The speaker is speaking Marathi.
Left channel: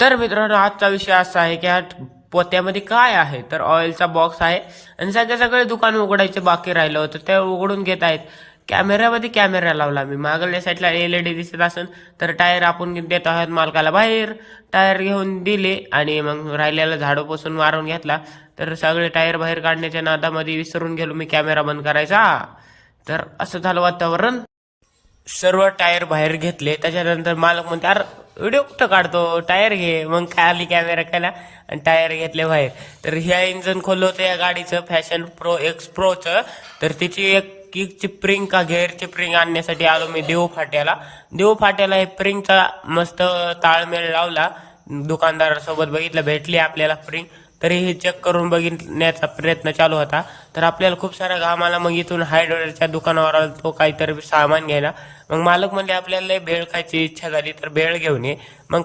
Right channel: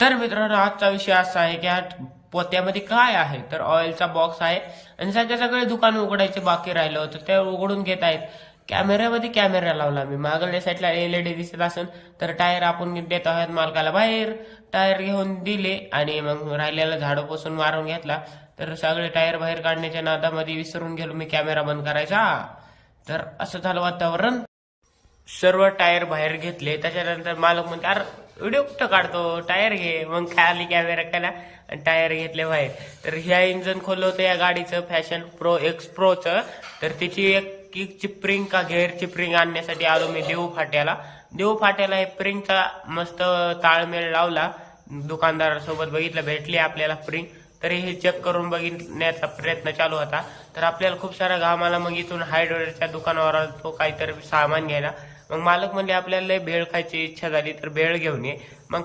तर मित्रांनो, आजचा विषय असा आहे की हा पोत्यामध्ये काय आहे. तर ऑइलचा बॉक्स आहे आणि सगळे दुकान उघडायचे बाकी राहिलं होतं, ते उघडून घेत आहेत. कॅमेऱ्यामध्ये कॅमेरा लावला मी, मागल्या साईडला एलईडी दिसत असेल तर टायर आपण देत आहोत मालकाला बाहेर. टायर घेऊन दिले आणि मग राहिलेला झाडू पुसून मारून घेतला. तर सगळे टायर बाहेर काढण्याच्या नादामध्ये विसरून गेलो मी कॅमेरा बंद करायचा. तर असं झालं वातावरण. सर्व टायर बाहेर घेतले. त्याच्यानंतर मालक म्हणते, अरे व्हिडिओ कुठं काढतो, टायर घे. मग खाली कॅमेरा केला आणि टायर घेतले बाहेर. तर ह्या इंजन खोललं होतं या गाडीचं, फॅशन प्रो एक्स प्रोचं. तर तिची एक किकची प्रिंग का गेअरची प्रिंग आणण्यासाठी आलो मी देऊ फाट्याला. देऊ फाट्याला हे प्रिंगचा मस्त ताळमेळ लावला. दुकानदारासोबत बघितलं, भेटली आपल्याला प्रिंग. तरी हे चेक करून बघण्याचा प्रयत्न चालू होता. तर आपल्याला खूप सारा घाम आला. मग इथून हार्डवेअरच्या दुकानावर आलो तो काहीतरी सामान घ्यायला. मग मालक म्हणले, आपल्याला लय भेळ खायची इच्छा झाली तर भेळ घेऊन ये. मग